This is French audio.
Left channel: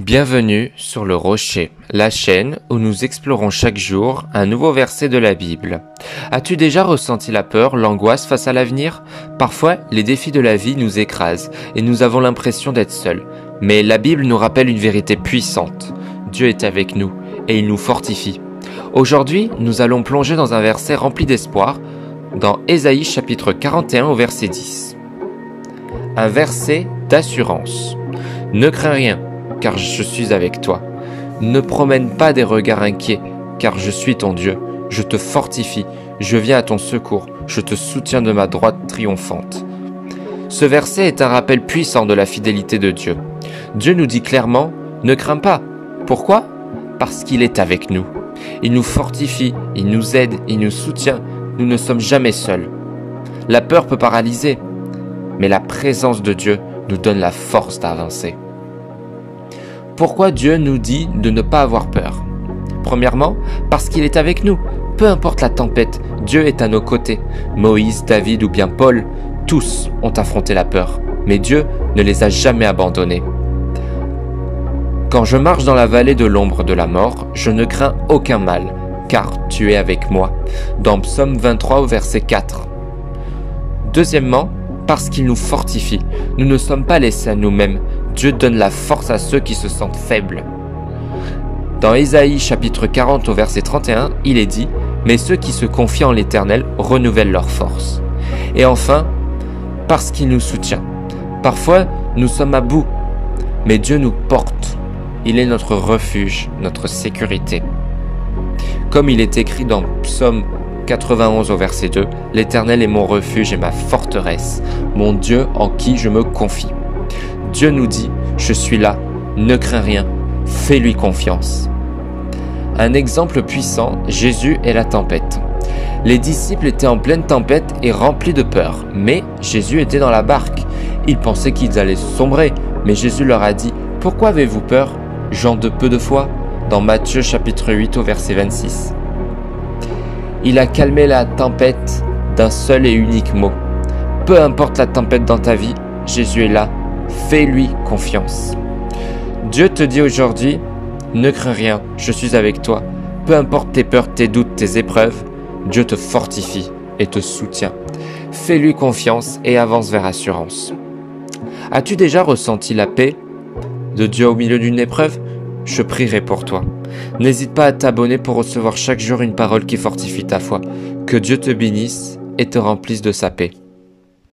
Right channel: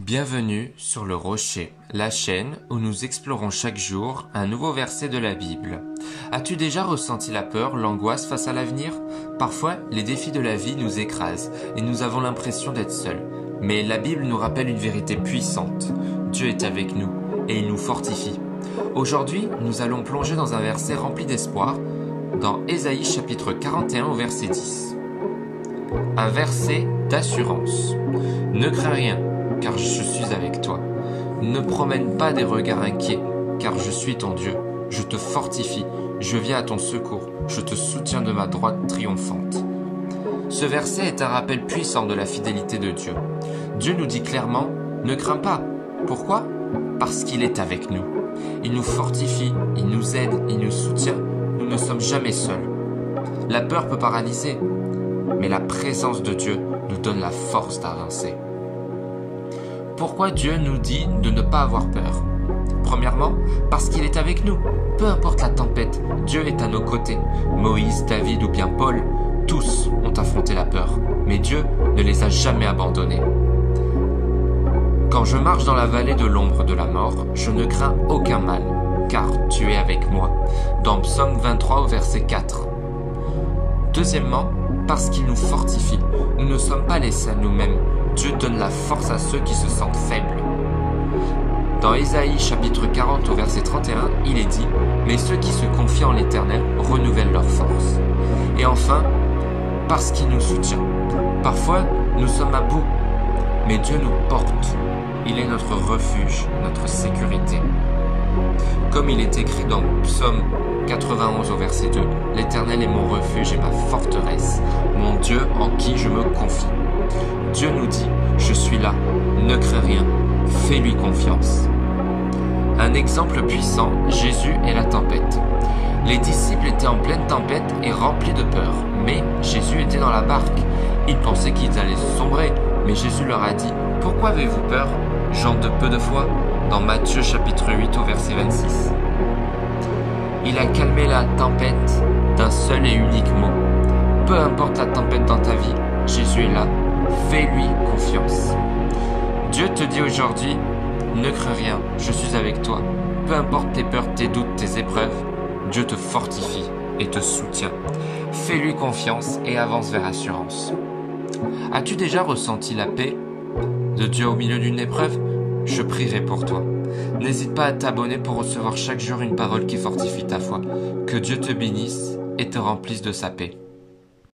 Bienvenue sur le Rocher, la chaîne où nous explorons chaque jour un nouveau verset de la Bible. As-tu déjà ressenti la peur, l'angoisse face à l'avenir? Parfois, les défis de la vie nous écrasent et nous avons l'impression d'être seuls. Mais la Bible nous rappelle une vérité puissante. Dieu est avec nous et il nous fortifie. Aujourd'hui, nous allons plonger dans un verset rempli d'espoir, dans Ésaïe chapitre 41 au verset 10. Un verset d'assurance. Ne crains rien, car je suis avec toi. Ne promène pas des regards inquiets, car je suis ton Dieu. Je te fortifie, je viens à ton secours, je te soutiens de ma droite triomphante. Ce verset est un rappel puissant de la fidélité de Dieu. Dieu nous dit clairement, ne crains pas. Pourquoi? Parce qu'il est avec nous. Il nous fortifie, il nous aide, il nous soutient. Nous ne sommes jamais seuls. La peur peut paralyser, mais la présence de Dieu nous donne la force d'avancer. Pourquoi Dieu nous dit de ne pas avoir peur? Premièrement, parce qu'il est avec nous. Peu importe la tempête, Dieu est à nos côtés. Moïse, David ou bien Paul, tous ont affronté la peur, mais Dieu ne les a jamais abandonnés. Quand je marche dans la vallée de l'ombre de la mort, je ne crains aucun mal, car tu es avec moi. Dans Psaume 23 au verset 4. Deuxièmement, parce qu'il nous fortifie. Nous ne sommes pas laissés à nous-mêmes. Dieu donne la force à ceux qui se sentent faibles. Dans Ésaïe chapitre 40 au verset 31, il est dit « Mais ceux qui se confient en l'Éternel renouvellent leur force. » Et enfin, parce qu'il nous soutient. Parfois, nous sommes à bout, mais Dieu nous porte. Il est notre refuge, notre sécurité. Comme il est écrit dans Psaume 91 au verset 2, « L'Éternel est mon refuge et ma forteresse, mon Dieu en qui je me confie. » Dieu nous dit, je suis là, ne crains rien, fais-lui confiance. Un exemple puissant, Jésus et la tempête. Les disciples étaient en pleine tempête et remplis de peur, mais Jésus était dans la barque. Ils pensaient qu'ils allaient sombrer, mais Jésus leur a dit, pourquoi avez-vous peur, gens de peu de foi? Dans Matthieu chapitre 8 au verset 26. Il a calmé la tempête d'un seul et unique mot. Peu importe la tempête dans ta vie, Jésus est là. Fais-lui confiance. Dieu te dit aujourd'hui, ne crains rien, je suis avec toi. Peu importe tes peurs, tes doutes, tes épreuves, Dieu te fortifie et te soutient. Fais-lui confiance et avance vers assurance. As-tu déjà ressenti la paix de Dieu au milieu d'une épreuve? Je prierai pour toi. N'hésite pas à t'abonner pour recevoir chaque jour une parole qui fortifie ta foi. Que Dieu te bénisse et te remplisse de sa paix.